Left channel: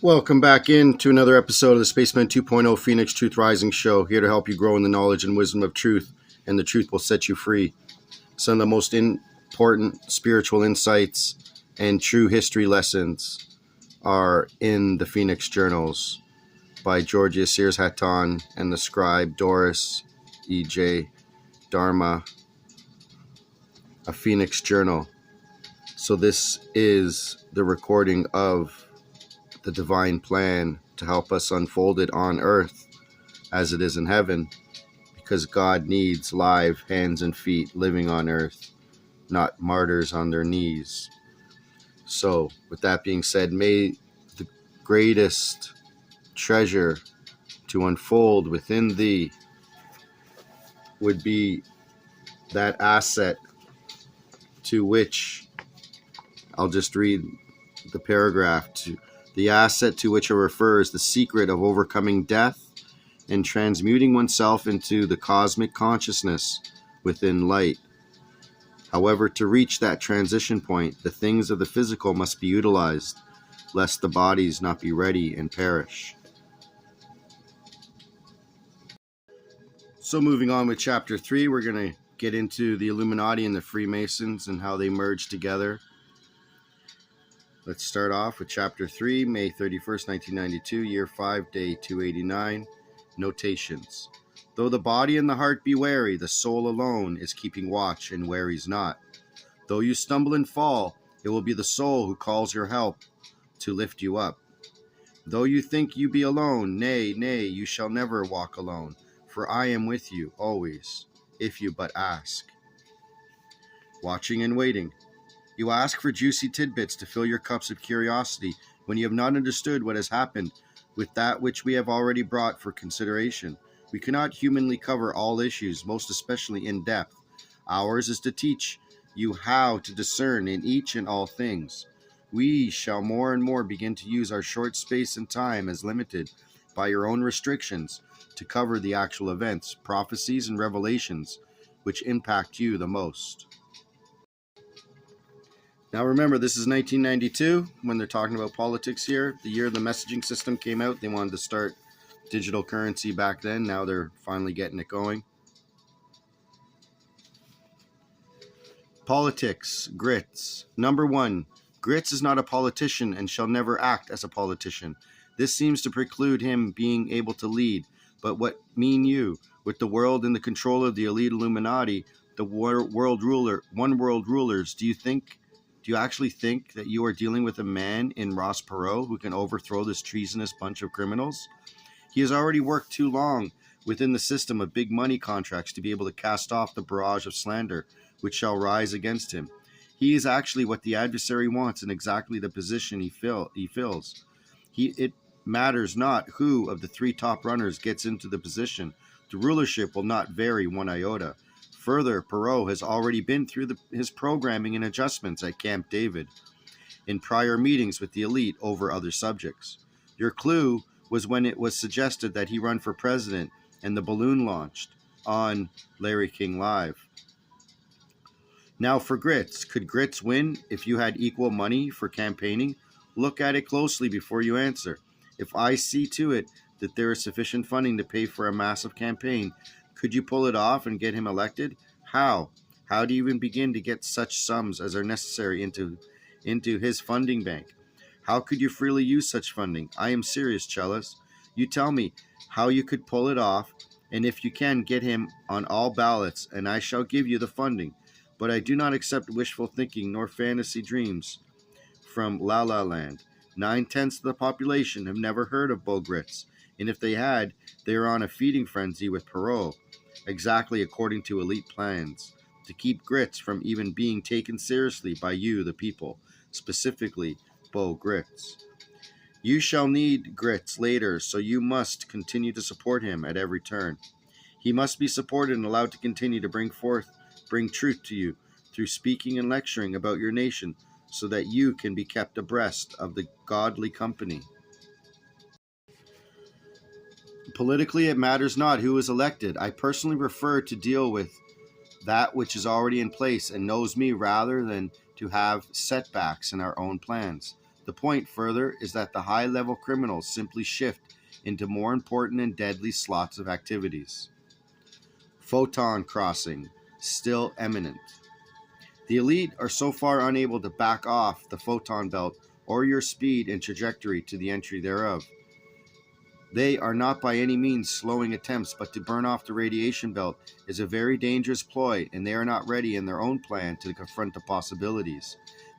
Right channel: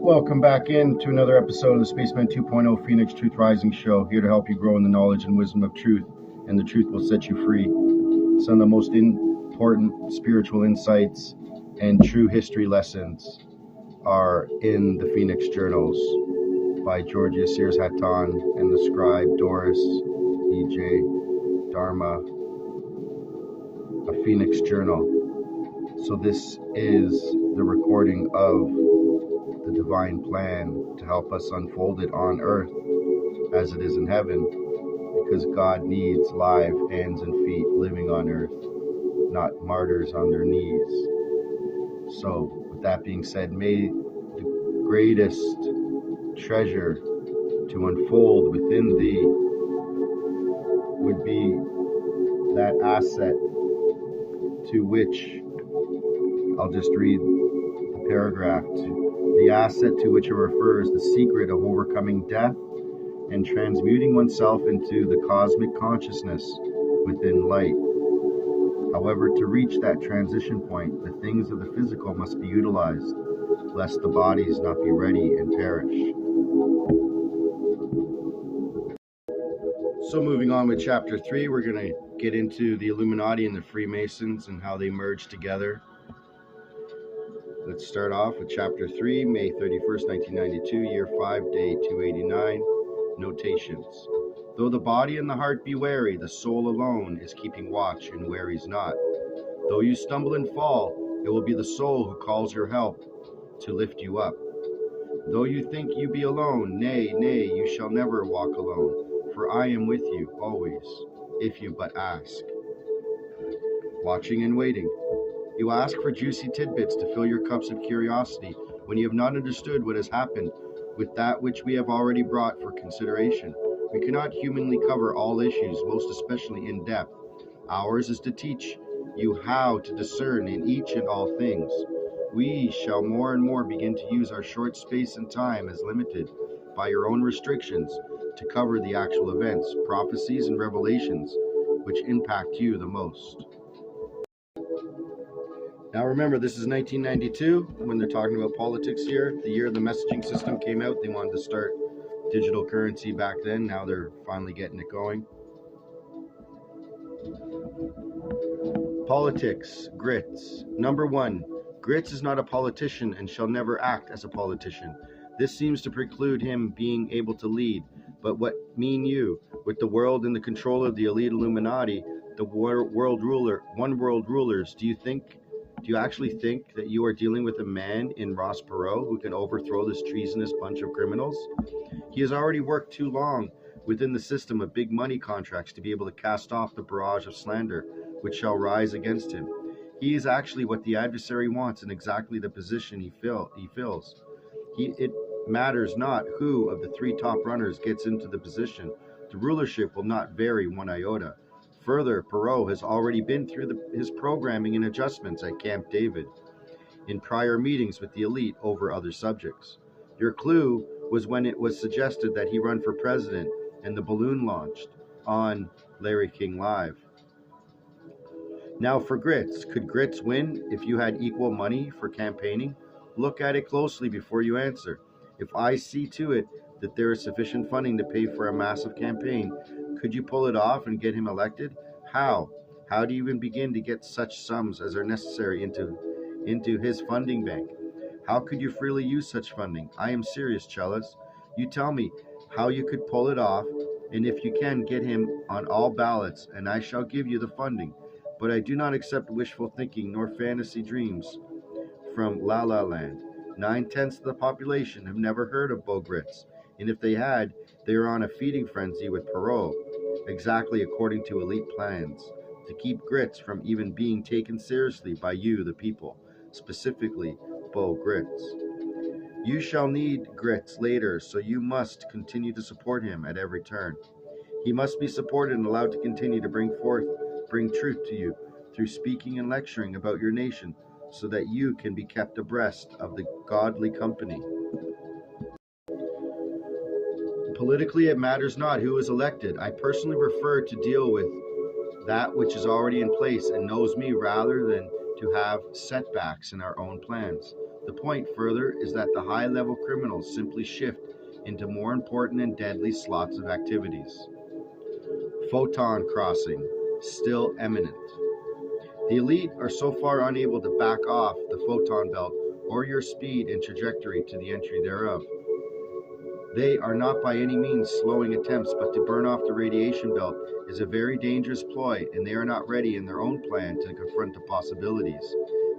Welcome back into another episode of the Spaceman 2.0 Phoenix Truth Rising Show, here to help you grow in the knowledge and wisdom of truth, and the truth will set you free. Some of the most important spiritual insights and true history lessons are in the Phoenix Journals by Georgia Sears Hattonn and the scribe Doris E.J. Dharma, a Phoenix Journal. So this is the recording of the divine plan to help us unfold it on earth as it is in heaven, because God needs live hands and feet living on earth, not martyrs on their knees. So with that being said, may the greatest treasure to unfold within thee would be that asset to which, I'll just read the paragraph, the asset to which it refers, the secret of overcoming death and transmuting oneself into the cosmic consciousness within light. However, to reach that transition point, the things of the physical must be utilized, lest the bodies not be ready and perish. So moving on with chapter 3, we're going to get into the Illuminati and the Freemasons and how they merge together. Let's start off with chapter 3, May 31st, 1992, year 5, day 289. Notations. Though the body and the heart be wary, the soul alone is keeping watch and wearies not. Though you stumble and fall, it will be the soul who calls your help to lift you up. Though you think you be alone, nay, you shall never walk alone, for I am with you always, if you but ask. Watching and waiting. You ask for juicy tidbits to fill your cups of curiosity when you have not understood what has happened with that which we have already brought for consideration. We cannot humanly cover all issues, most especially in depth. Ours is to teach you how to discern in each and all things. We shall more and more begin to use our short space and time as limited by your own restrictions to cover the actual events, prophecies, and revelations which impact you the most. Now remember, this is 1992 when they're talking about politics here. The year the messaging system came out, they wanted to start digital currency back then. Now they're finally getting it going. Politics, Grits. Number 1, Grits is not a politician and shall never act as a politician. This seems to preclude him being able to lead. But what mean you? With the world in the control of the elite Illuminati, the one world rulers, do you actually think that you are dealing with a man in Ross Perot who can overthrow this treasonous bunch of criminals? He has already worked too long within the system of big money contracts to be able to cast off the barrage of slander which shall rise against him. He is actually what the adversary wants and exactly the position he fills. It matters not who of the 3 top runners gets into the position. The rulership will not vary one iota. Further, Perot has already been through his programming and adjustments at Camp David in prior meetings with the elite over other subjects. Your clue was when it was suggested that he run for president and the balloon launched on Larry King Live. Now for Grits. Could Grits win if you had equal money for campaigning? Look at it closely before you answer. If I see to it that there is sufficient funding to pay for a massive campaign, could you pull it off and get him elected? How? How do you even begin to get such sums as are necessary into his funding bank? How could you freely use such funding? I am serious, Chellis. You tell me how you could pull it off, and if you can, get him on all ballots, and I shall give you the funding. But I do not accept wishful thinking nor fantasy dreams from La La Land. 9/10 of the population have never heard of Beau Grits, and if they had, they are on a feeding frenzy with Perot, exactly according to elite plans, to keep Grits from even being taken seriously by you, the people, specifically Beau Grits. You shall need Grits later, so you must continue to support him at every turn. He must be supported and allowed to continue to bring truth to you through speaking and lecturing about your nation, so that you can be kept abreast of the godly company. Politically, it matters not who is elected. I personally prefer to deal with that which is already in place and knows me rather than to have setbacks in our own plans. The point further is that the high-level criminals simply shift into more important and deadly slots of activities. Photon crossing, still imminent. The elite are so far unable to back off the photon belt or your speed and trajectory to the entry thereof. They are not by any means slowing attempts, but to burn off the radiation belt is a very dangerous ploy, and they are not ready in their own plan to confront the possibilities.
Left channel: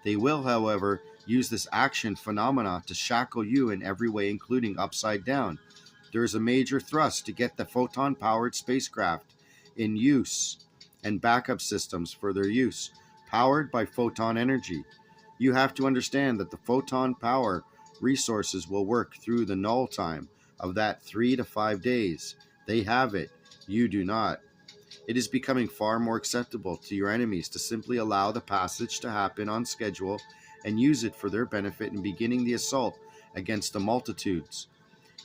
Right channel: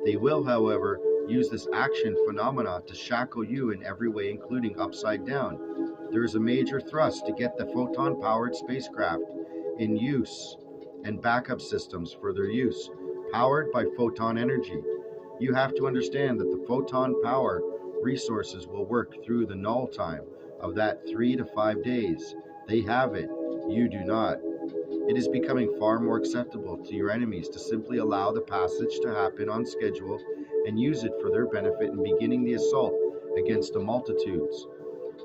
They will, however, use this action phenomena to shackle you in every way, including upside down. There is a major thrust to get the photon-powered spacecraft in use and backup systems for their use, powered by photon energy. You have to understand that the photon power resources will work through the null time of that 3 to 5 days. They have it, you do not. It is becoming far more acceptable to your enemies to simply allow the passage to happen on schedule and use it for their benefit in beginning the assault against the multitudes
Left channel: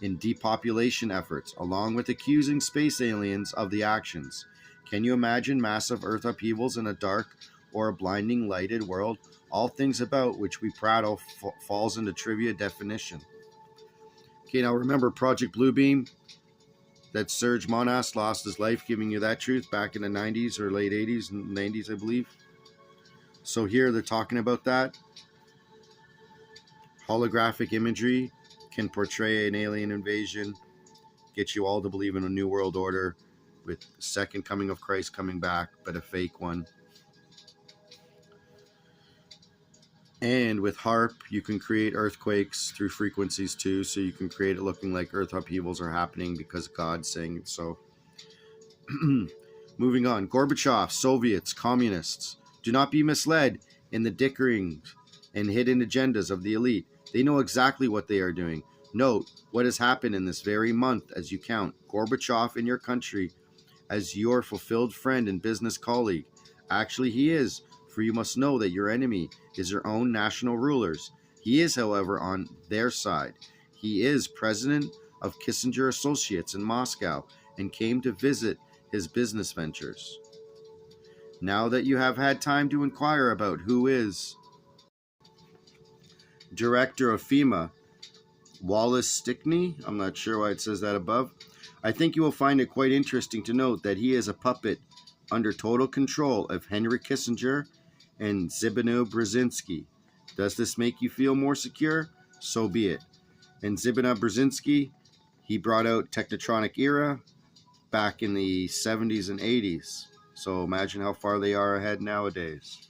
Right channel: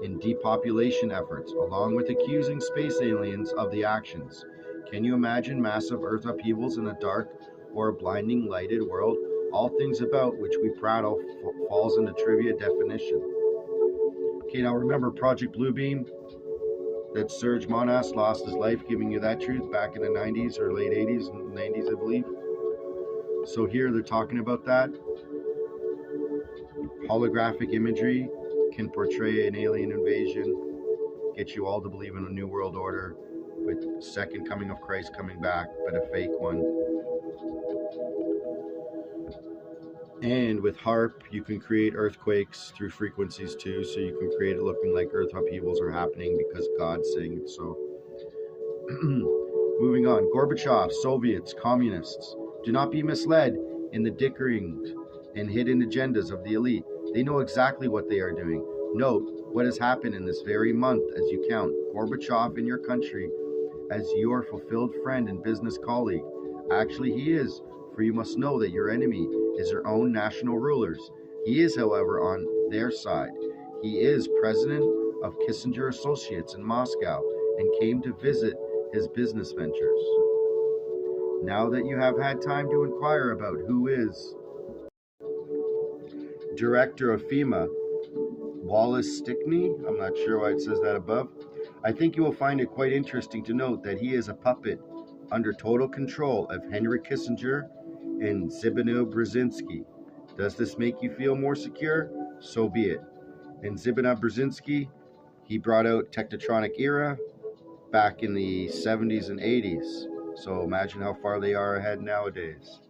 in depopulation efforts, along with accusing space aliens of the actions. Can you imagine massive Earth upheavals in a dark or a blinding lighted world? All things about which we prattle falls into trivia definition. Okay, now remember Project Bluebeam, that Serge Monas lost his life giving you that truth back in the 90s or late 80s, 90s I believe. So here they're talking about that. Holographic imagery can portray an alien invasion, get you all to believe in a new world order with second coming of Christ coming back, but a fake one. And with HARP, you can create earthquakes through frequencies too, so you can create it looking like earth upheavals are happening because God's saying it so. Moving on, Gorbachev, Soviets, communists. Do not be misled in the dickering and hidden agendas of the elite. They know exactly what they are doing. Note what has happened in this very month as you count Gorbachev in your country as your fulfilled friend and business colleague. Actually, he is, for you must know that your enemy is your own national rulers. He is, however, on their side. He is president of Kissinger Associates in Moscow and came to visit his business ventures. Now that you have had time to inquire about who is director of FEMA, Wallace Stickney, I'm not sure why it says that above, I think you will find it quite interesting to note that he is a puppet under total control of Henry Kissinger and Zbigniew Brzezinski. Does this make you feel more secure? So be it. And Zbigniew Brzezinski, he brought out Technotronic Era back in the 70s and 80s. So imagine how far they are ahead nowadays.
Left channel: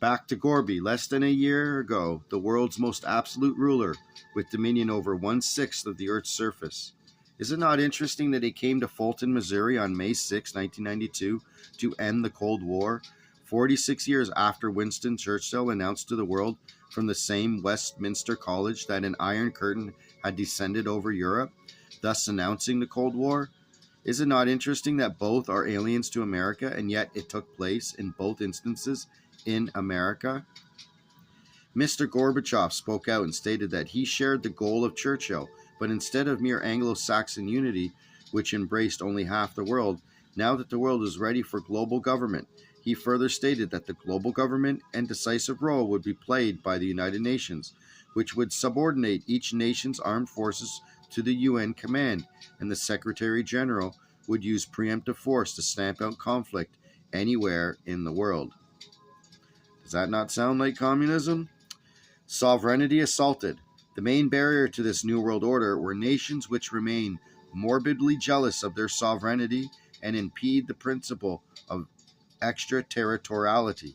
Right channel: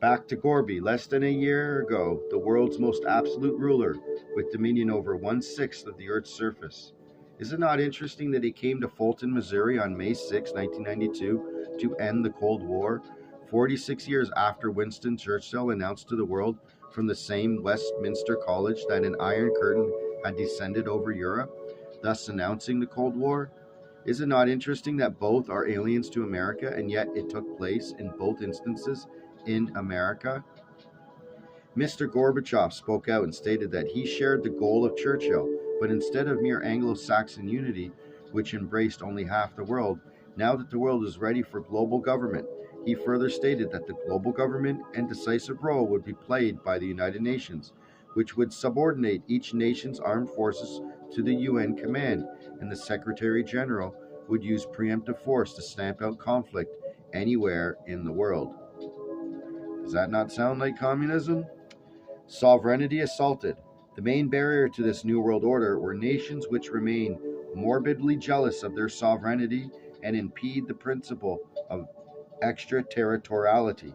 Back to Gorby. Less than a year ago, the world's most absolute ruler with dominion over 1/6 of the Earth's surface. Is it not interesting that he came to Fulton, Missouri on May 6, 1992 to end the Cold War, 46 years after Winston Churchill announced to the world from the same Westminster College that an Iron Curtain had descended over Europe, thus announcing the Cold War? Is it not interesting that both are aliens to America, and yet it took place in both instances in America? Mr. Gorbachev spoke out and stated that he shared the goal of Churchill, but instead of mere Anglo-Saxon unity, which embraced only half the world, now that the world is ready for global government, he further stated that the global government and decisive role would be played by the United Nations, which would subordinate each nation's armed forces to the UN command, and the Secretary General would use preemptive force to stamp out conflict anywhere in the world. Does that not sound like communism? Sovereignty assaulted. The main barrier to this New World Order were nations which remain morbidly jealous of their sovereignty and impede the principle of extraterritoriality.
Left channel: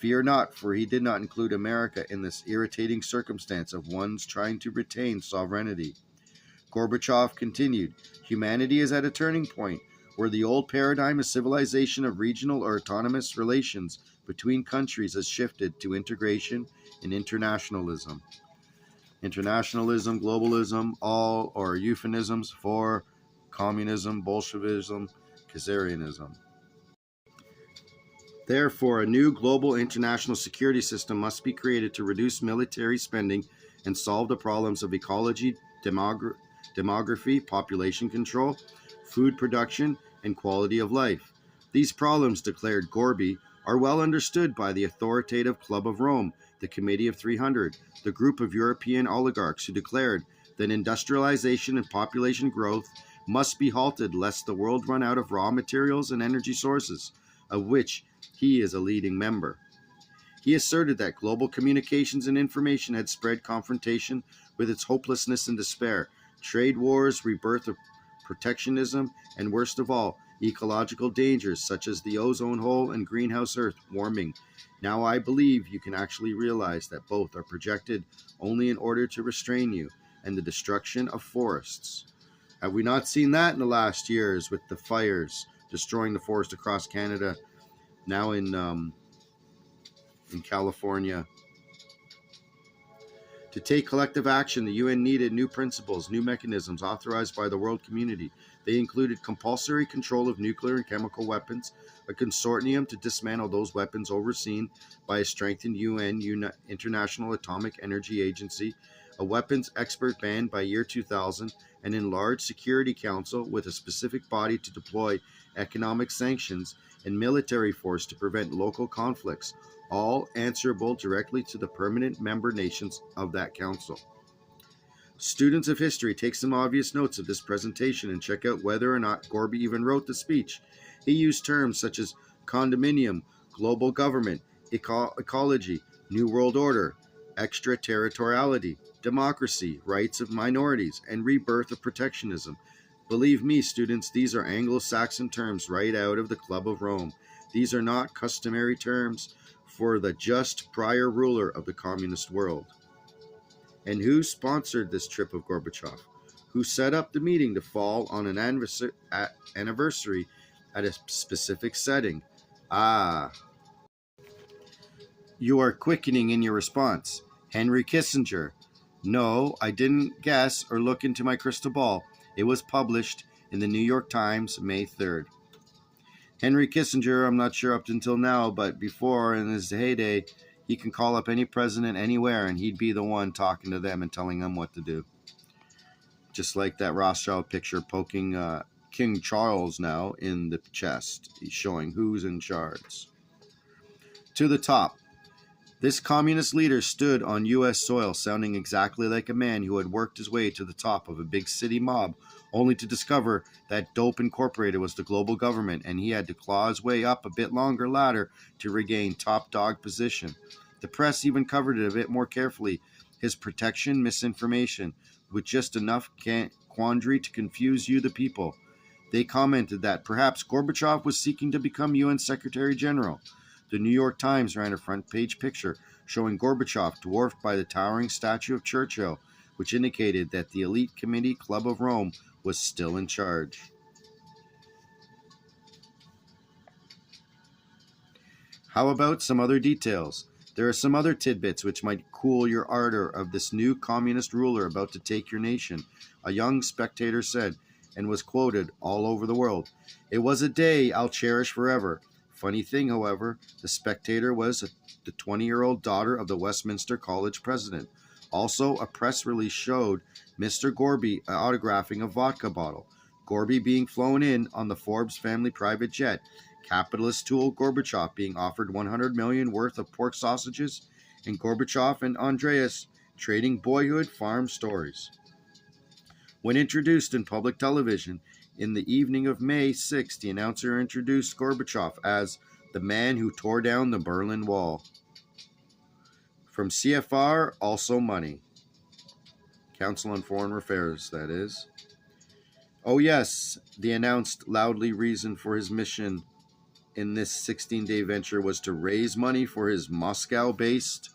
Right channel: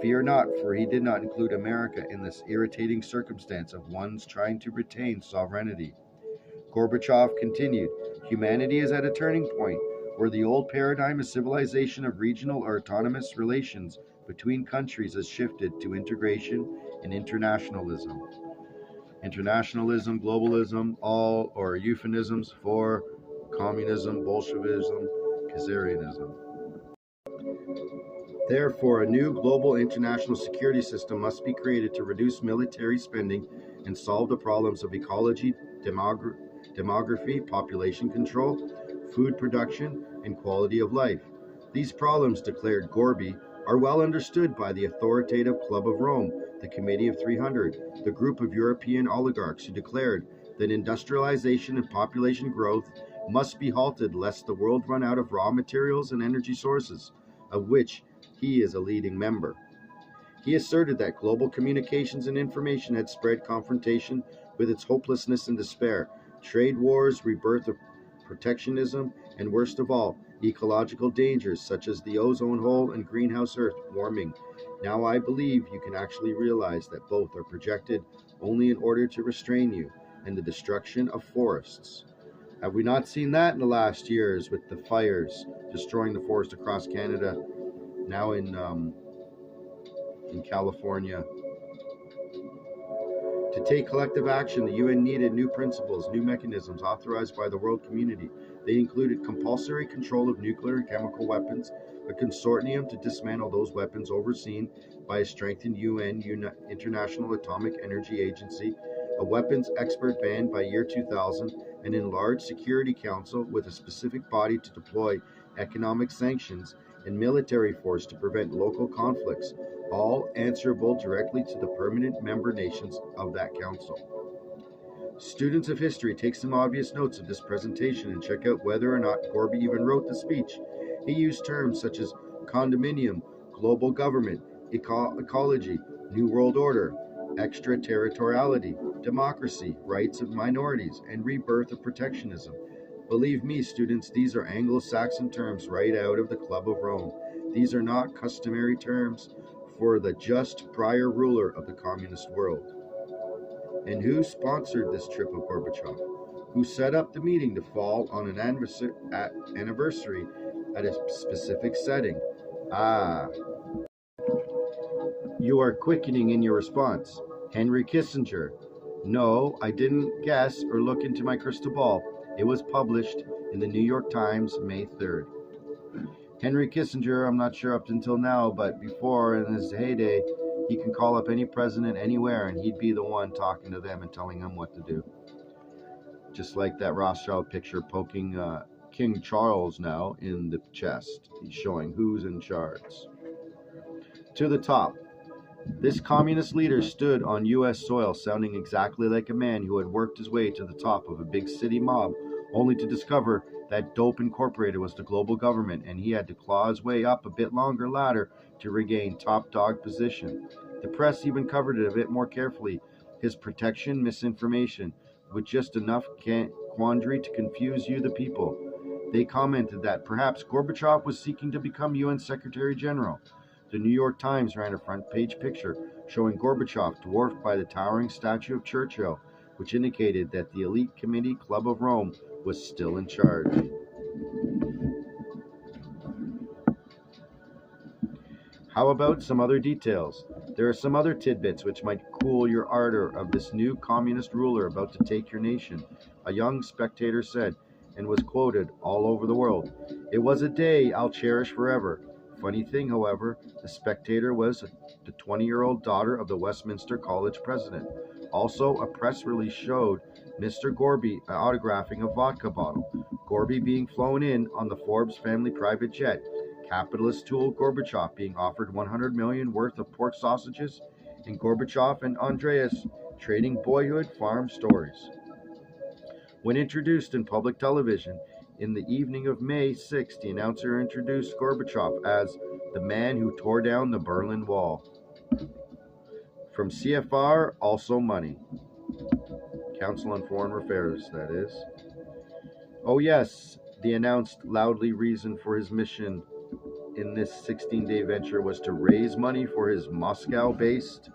Fear not, for he did not include America in this irritating circumstance of one's trying to retain sovereignty. Gorbachev continued, humanity is at a turning point where the old paradigm of civilization of regional or autonomous relations between countries has shifted to integration and internationalism. Internationalism, globalism, all are euphemisms for communism, Bolshevism, Khazarianism. Therefore, a new global international security system must be created to reduce military spending and solve the problems of ecology, demography, population control, food production, and quality of life. These problems, declared Gorby, are well understood by the authoritative Club of Rome, the Committee of 300, the group of European oligarchs who declared that industrialization and population growth must be halted lest the world run out of raw materials and energy sources, of which he is a leading member. He asserted that global communications and information had spread confrontation with its hopelessness and despair, trade wars, rebirth of protectionism, and worst of all, ecological dangers such as the ozone hole and greenhouse earth warming. Now I believe you can actually realize that both are projected only in order to restrain you, and the destruction of forests. Have we not seen that in the last years with the fires destroying the forest across Canada, now in California? To take collective action, the UN needed new principles, new mechanisms authorized by the world community. They included compulsory control of nuclear and chemical weapons, a consortium to dismantle those weapons overseen by a strengthened UN International Atomic Energy Agency, a weapons expert ban by year 2000, an enlarged Security Council with a specific body to deploy economic sanctions, and military force to prevent local conflicts, all answerable directly to the permanent member nations of that council. Students of history, take some obvious notes of this presentation and check out whether or not Gorby even wrote the speech. He used terms such as condominium, global government, ecology, new world order, extraterritoriality, democracy, rights of minorities, and rebirth of protectionism. Believe me, students, these are Anglo-Saxon terms right out of the Club of Rome. These are not customary terms for the just prior ruler of the communist world. And who sponsored this trip of Gorbachev? Who set up the meeting to fall on an anniversary at a specific setting? You are quickening in your response. Henry Kissinger. No, I didn't guess or look into my crystal ball. It was published in the New York Times, May 3rd. Henry Kissinger, I'm not sure up until now, but before, in his heyday, he can call up any president anywhere and he'd be the one talking to them and telling them what to do. Just like that Rothschild picture poking King Charles now in the chest. He's showing who's in charge. To the top. This communist leader stood on U.S. soil sounding exactly like a man who had worked his way to the top of a big city mob, only to discover that Dope Incorporated was the global government and he had to claw his way up a bit longer ladder to regain top dog position. The press even covered it a bit more carefully, his protection misinformation, with just enough quandary to confuse you the people. They commented that perhaps Gorbachev was seeking to become UN Secretary General. The New York Times ran a front-page picture showing Gorbachev dwarfed by the towering statue of Churchill, which indicated that the elite committee Club of Rome was still in charge. How about some other details? There are some other tidbits which might cool your ardor of this new communist ruler about to take your nation, a young spectator said, and was quoted all over the world. It was a day I'll cherish forever. Funny thing, however, the spectator was the 20-year-old daughter of the Westminster College president. Also, a press release showed Mr. Gorby autographing a vodka bottle, Gorby being flown in on the Forbes family private jet, capitalist tool Gorbachev being offered $100 million worth of pork sausages, and Gorbachev and Andreas trading boyhood farm stories. When introduced in public television, in the evening of May 6, the announcer introduced Gorbachev as the man who tore down the Berlin Wall. From CFR, also money. Council on Foreign Affairs, that is. Oh yes, the announced loudly reason for his mission in this 16-day venture was to raise money for his Moscow-based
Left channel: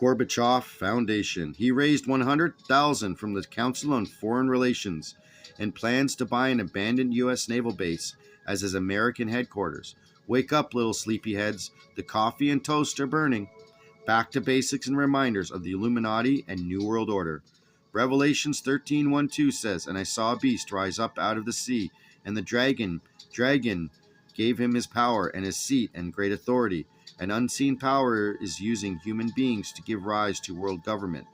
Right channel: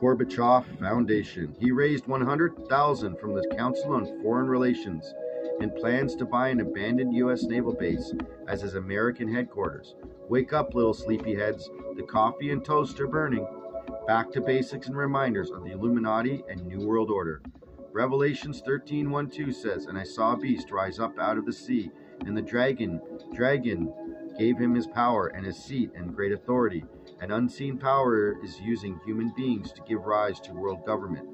Gorbachev Foundation. He raised $100,000 from the Council on Foreign Relations and plans to buy an abandoned U.S. naval base as his American headquarters. Wake up, little sleepyheads. The coffee and toast are burning. Back to basics and reminders of the Illuminati and New World Order. Revelations 13:1-2 says, "And I saw a beast rise up out of the sea, and the dragon gave him his power and his seat and great authority. An unseen power is using human beings to give rise to world government.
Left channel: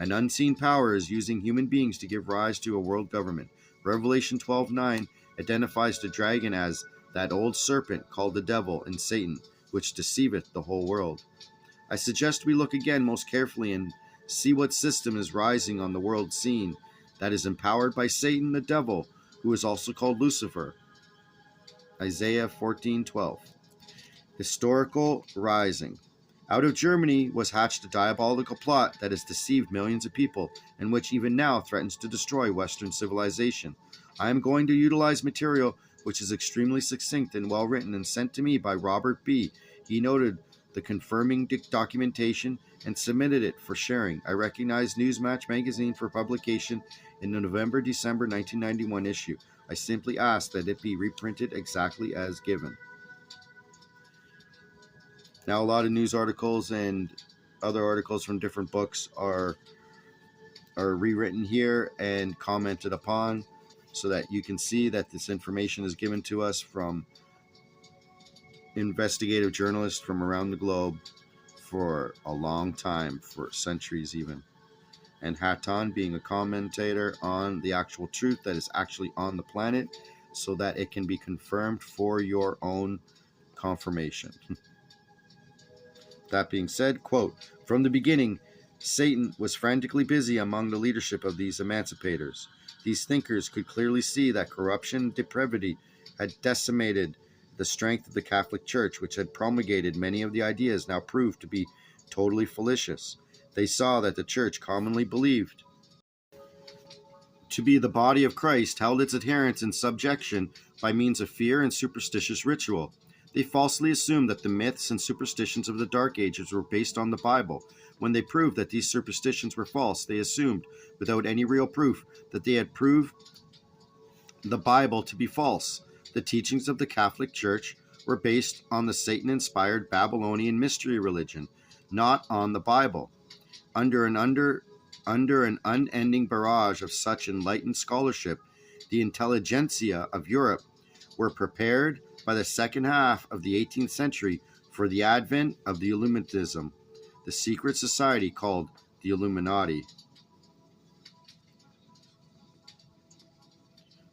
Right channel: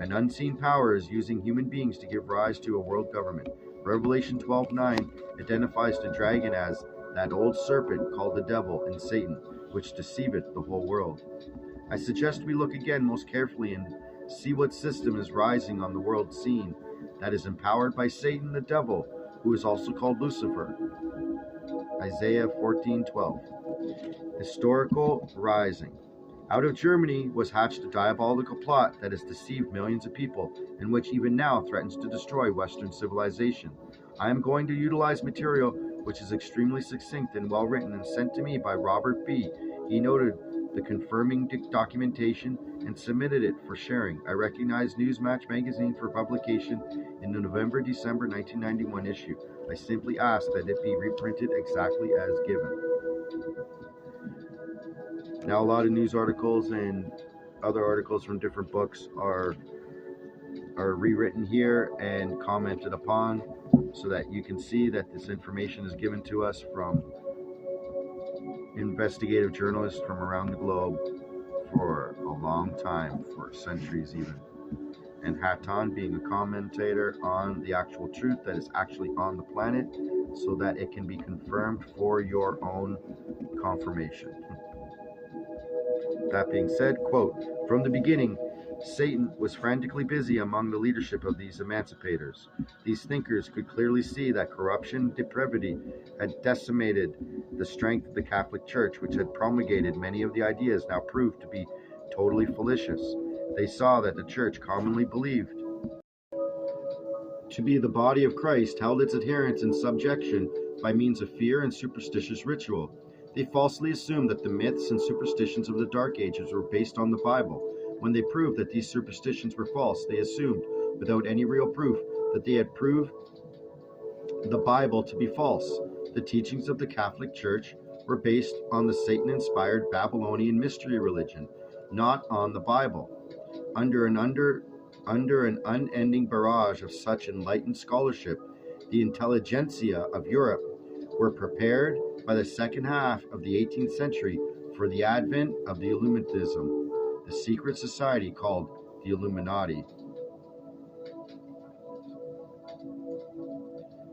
An unseen power is using human beings to give rise to a world government." Revelation 12:9 identifies the dragon as that old serpent called the devil and Satan, which deceiveth the whole world. I suggest we look again most carefully and see what system is rising on the world scene that is empowered by Satan the devil, who is also called Lucifer. Isaiah 14:12. Historical rising. Out of Germany was hatched a diabolical plot that has deceived millions of people and which even now threatens to destroy Western civilization. I am going to utilize material which is extremely succinct and well written and sent to me by Robert B. He noted the confirming documentation and submitted it for sharing. I recognize Newsmatch magazine for publication in the November-December 1991 issue. I simply ask that it be reprinted exactly as given. Now, a lot of news articles and other articles from different books are rewritten here and commented upon so that you can see that this information is given to us from investigative journalists from around the globe for a long time, for centuries even. And HATONN being a commentator on the actual truth that is actually on the planet so that it can be confirmed for your own confirmation. That being said, quote, from the beginning, Satan was frantically busy among the leadership of these emancipators. These thinkers could clearly see that corruption and depravity had decimated the strength of the Catholic Church, which had promulgated many of the ideas now proved to be totally fallacious. They saw that the Church, commonly believed to be the body of Christ, held its adherents in subjection by means of fear and superstitious ritual. They falsely assumed that the myths and superstitions of the Dark Ages were based on the Bible. When they proved that these superstitions were false, they assumed, without any real proof, that they had proved the Bible to be false. The teachings of the Catholic Church were based on the Satan-inspired Babylonian mystery religion, not on the Bible. Under an unending barrage of such enlightened scholarship, the intelligentsia of Europe were prepared by the second half of the 18th century for the advent of the Illuminism, the secret society called the Illuminati.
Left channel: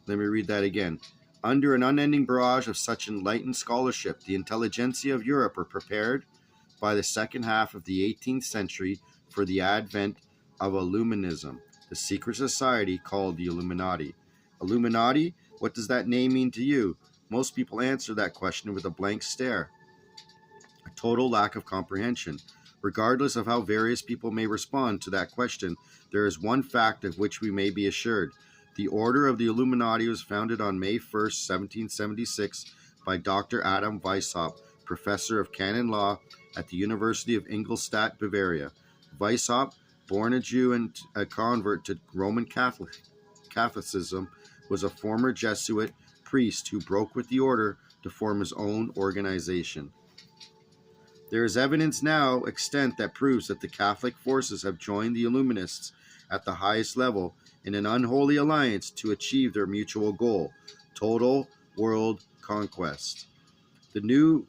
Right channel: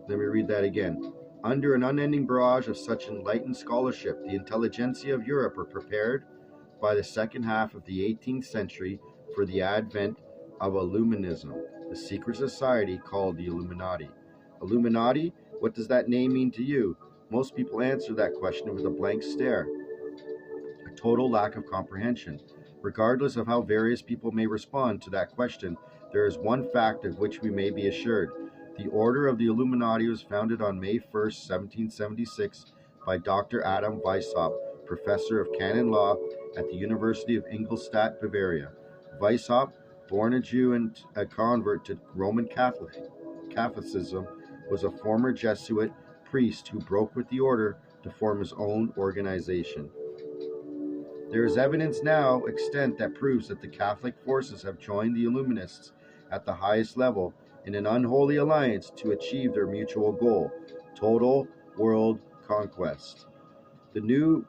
Let me read that again. Under an unending barrage of such enlightened scholarship, the intelligentsia of Europe were prepared by the second half of the 18th century for the advent of Illuminism, the secret society called the Illuminati. Illuminati? What does that name mean to you? Most people answer that question with a blank stare, a total lack of comprehension. Regardless of how various people may respond to that question, there is one fact of which we may be assured. The Order of the Illuminati was founded on May 1st, 1776 by Dr. Adam Weishaupt, professor of canon law at the University of Ingolstadt, Bavaria. Weishaupt, born a Jew and a convert to Roman Catholicism, was a former Jesuit priest who broke with the order to form his own organization. There is evidence now extant that proves that the Catholic forces have joined the Illuminists at the highest level in an unholy alliance to achieve their mutual goal, total world conquest. The new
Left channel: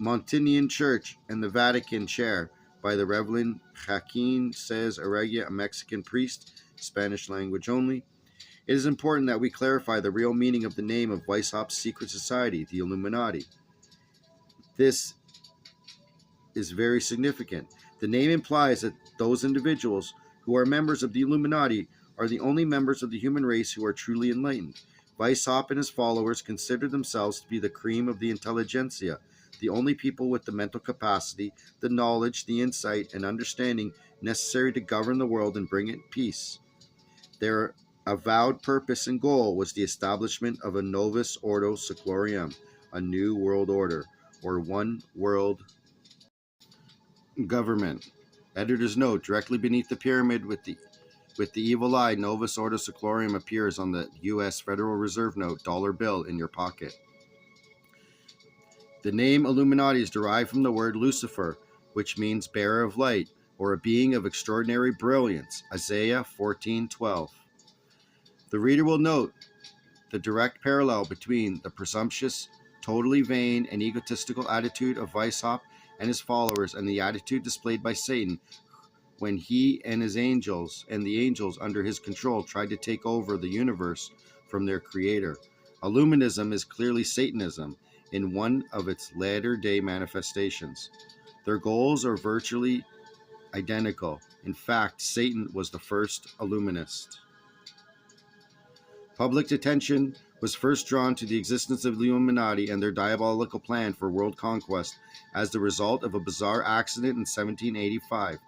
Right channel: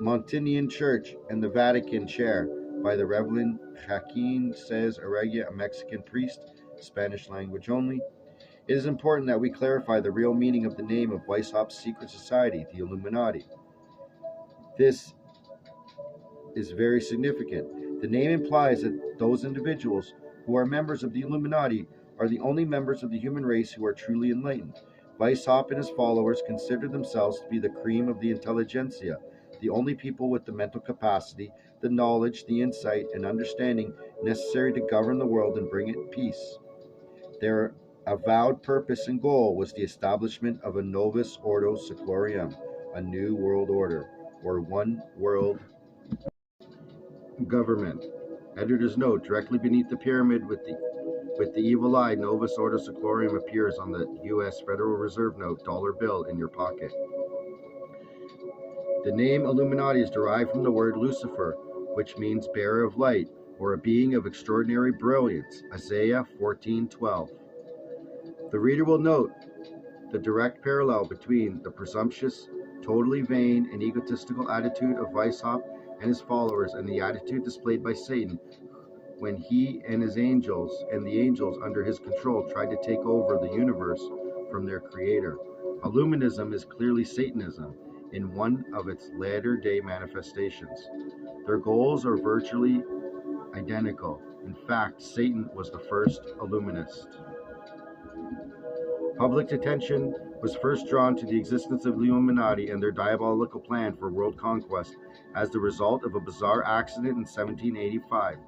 Montinian Church and the Vatican chair by the Reverend Joaquin Saez Arreguia, a Mexican priest, Spanish language only. It is important that we clarify the real meaning of the name of Weishaupt's secret society, the Illuminati. This is very significant. The name implies that those individuals who are members of the Illuminati are the only members of the human race who are truly enlightened. Weishaupt and his followers consider themselves to be the cream of the intelligentsia, the only people with the mental capacity, the knowledge, the insight, and understanding necessary to govern the world and bring it peace. Their avowed purpose and goal was the establishment of a novus ordo seclorum, a new world order, or one world government. Editor's note: directly beneath the pyramid with the evil eye, novus ordo seclorum appears on the U.S. Federal Reserve note dollar bill in your pocket. The name Illuminati is derived from the word Lucifer, which means bearer of light, or a being of extraordinary brilliance, Isaiah 14:12. The reader will note the direct parallel between the presumptuous, totally vain, and egotistical attitude of Weishaupt and his followers and the attitude displayed by Satan when he and his angels and the angels under his control tried to take over the universe from their creator. Illuminism is clearly Satanism. in one of its latter-day manifestations. Their goals are virtually identical. In fact, Satan was the first Illuminist. Public attention was first drawn to the existence of the Illuminati and their diabolical plan for world conquest as the result of a bizarre accident in 1785.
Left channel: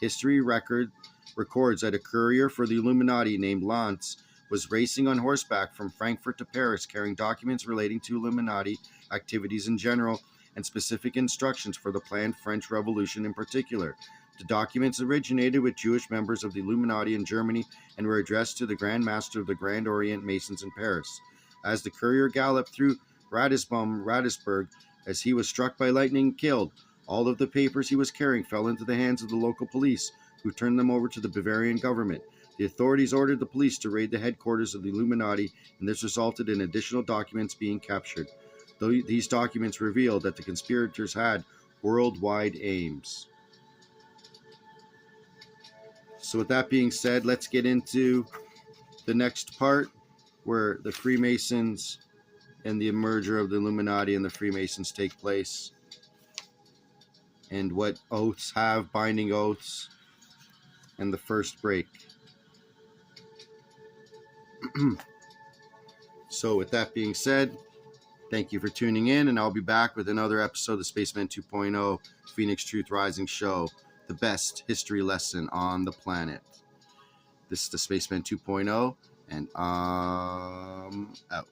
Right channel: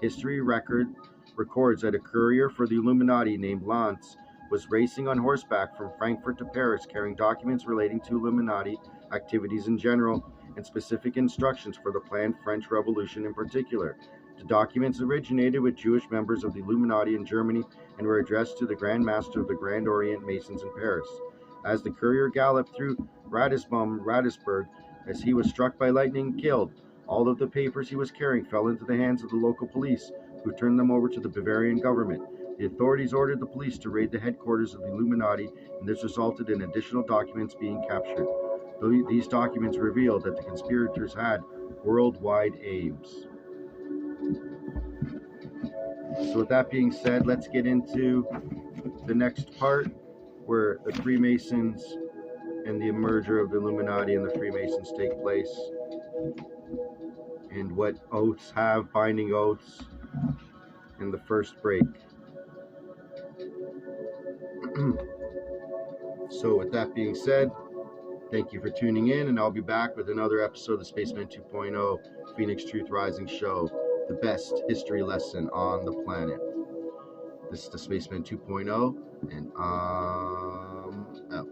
History records that a courier for the Illuminati named Lance was racing on horseback from Frankfurt to Paris carrying documents relating to Illuminati activities in general and specific instructions for the planned French Revolution in particular. The documents originated with Jewish members of the Illuminati in Germany and were addressed to the Grand Master of the Grand Orient Masons in Paris. As the courier galloped through Ratisbon, as he was struck by lightning and killed, all of the papers he was carrying fell into the hands of the local police, who turned them over to the Bavarian government. The authorities ordered the police to raid the headquarters of the Illuminati, and this resulted in additional documents being captured. These documents revealed that the conspirators had worldwide aims. So with that being said, let's get into the next part where the Freemasons and the merger of the Illuminati and the Freemasons take place, and what oaths have, binding oaths, and the first break. So with that being said, thank you for tuning in, and I'll be back with another episode of the Spaceman 2.0 Phoenix Truth Rising Show, the best history lesson on the planet. This is the Spaceman 2.0, and I'm out.